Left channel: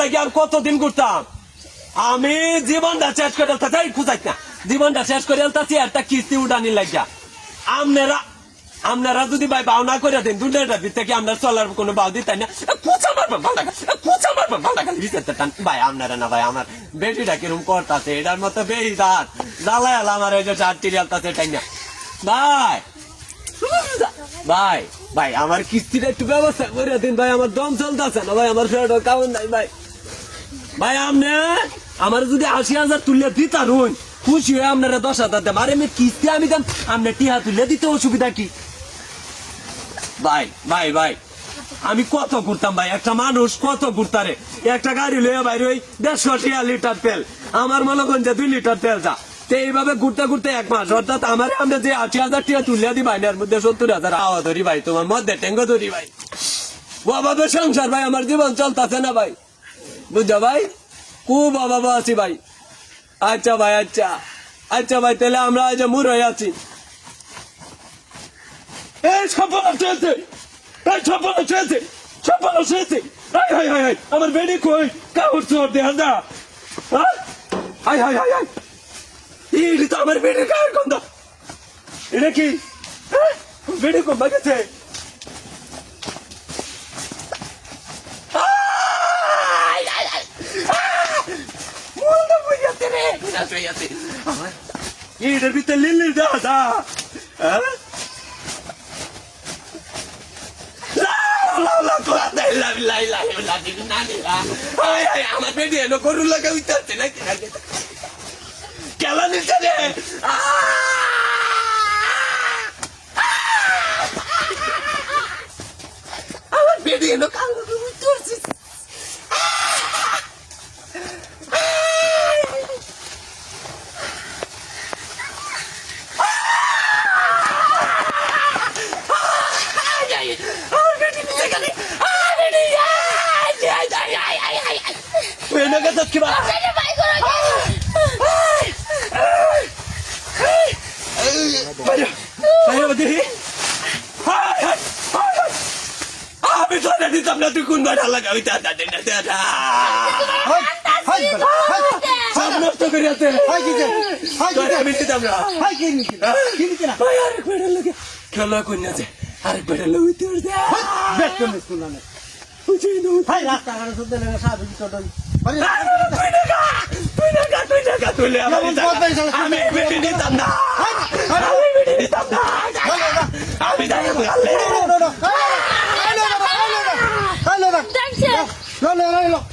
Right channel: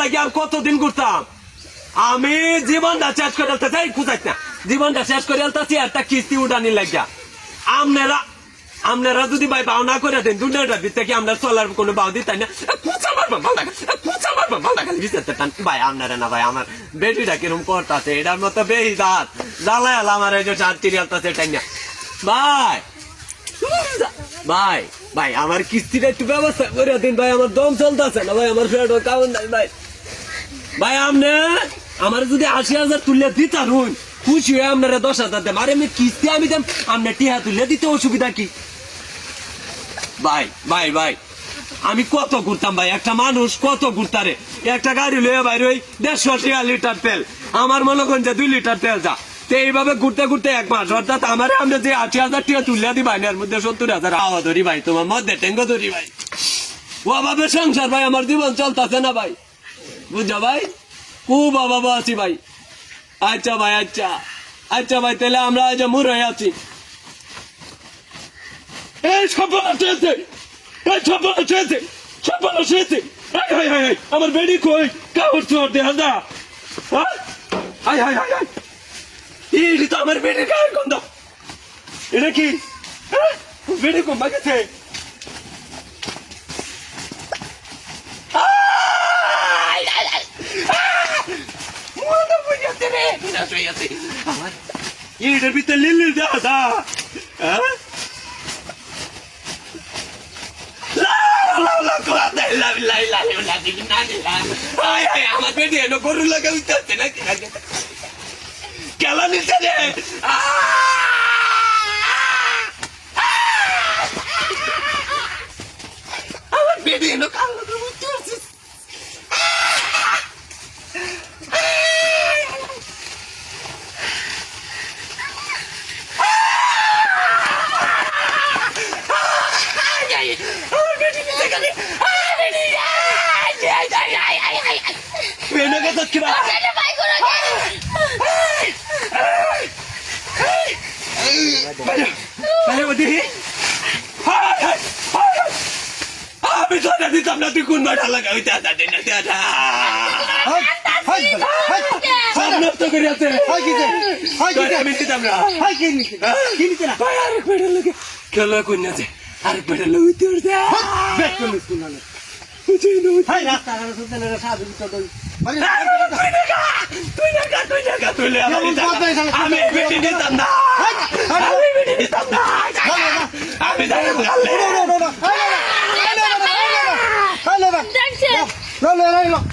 লাগে আর কতদিন ঘুরতাম আমি জীবনটা শেষ করে চাই খুঁজাইত না জীবনটা শেষ করে আলতাছি একটা কিস্তি উঠানি লাগিয়া আপনারা আপনারা যদি ভাই বাউ না করে দেন দুনিয়াটার ভিতরে কি আমরা চলার কোনো বাউ দিতাই না খুঁচা মারবেন ভালো খালি বিচারতে টান ভাই আপনারা না ভাই আমার বেটিটা কিরম করতেছে এটার মতো বেশি দাঁত জ্বালায় আমার এই যে চার তিরিয়ালতাছে টাই না ভাই ভাই ভাই আমার কিস্তিটা একটু ব্যবস্থা করে দিন ভাই আমার দম চলতেছে না ভাই আমার ফেরত কারণ নাই ভাই ভাই আপনি আমার যদি ৮০,০০০ তুলে দিতাম খুশি হয়ে আপনারা ১০,০০০ দেন আরে আমি কিস্তি আমি দেন আপনার টিহা তুলে দিতে অসুবিধা কি ভাই ভাই ভাই আমি কত ঘুরতাম ভাই একটা মানুষ কত ঘুরতারে একটা গাড়ি লয়ে ভাই ওই ১৫০ লিটার তেল আমার মনে করেন যে ২ লিটার তেল যা তো এইভাবে ঘুরতে ঘুরতে ১ মাস অর্থাৎ আমার আমরা যে ৮০,০০০ টাকা তুলে দিই ভাই এর মধ্যে ৭০,০০০ হাওয়া ধরি ভাই তোমার মধ্যে টেঙ্গ ধরি ভাই অভাবে সংসার ভাই আমার জীবন চলতেছে না ভাই বুঝছো ভাই খুব অভাবে আছি ভাই আচ্ছা ভাই আচ্ছা ভাই তাহলে আমরা আজ মুর হয়ে আছি আমার বেডি কই কাপড় চোর দেখা যা এটা তো আমার বেডির গায়ের গন্ধ এটা কি বেডি কম গেছে এটার ভিতরে লিলি দাদা আমার বেডি এলো গরু লাগা উঠতে নাকি খেলা নিচ্ছে রে আমার বেডি এলো কালো আমি ধরে দিতাম না তুই কোন ভাড়া লাগাবি নষ্ট করে আছে আমি দিতাম না খেলা কন্যা আছে আরেক বেটা লইতে আমি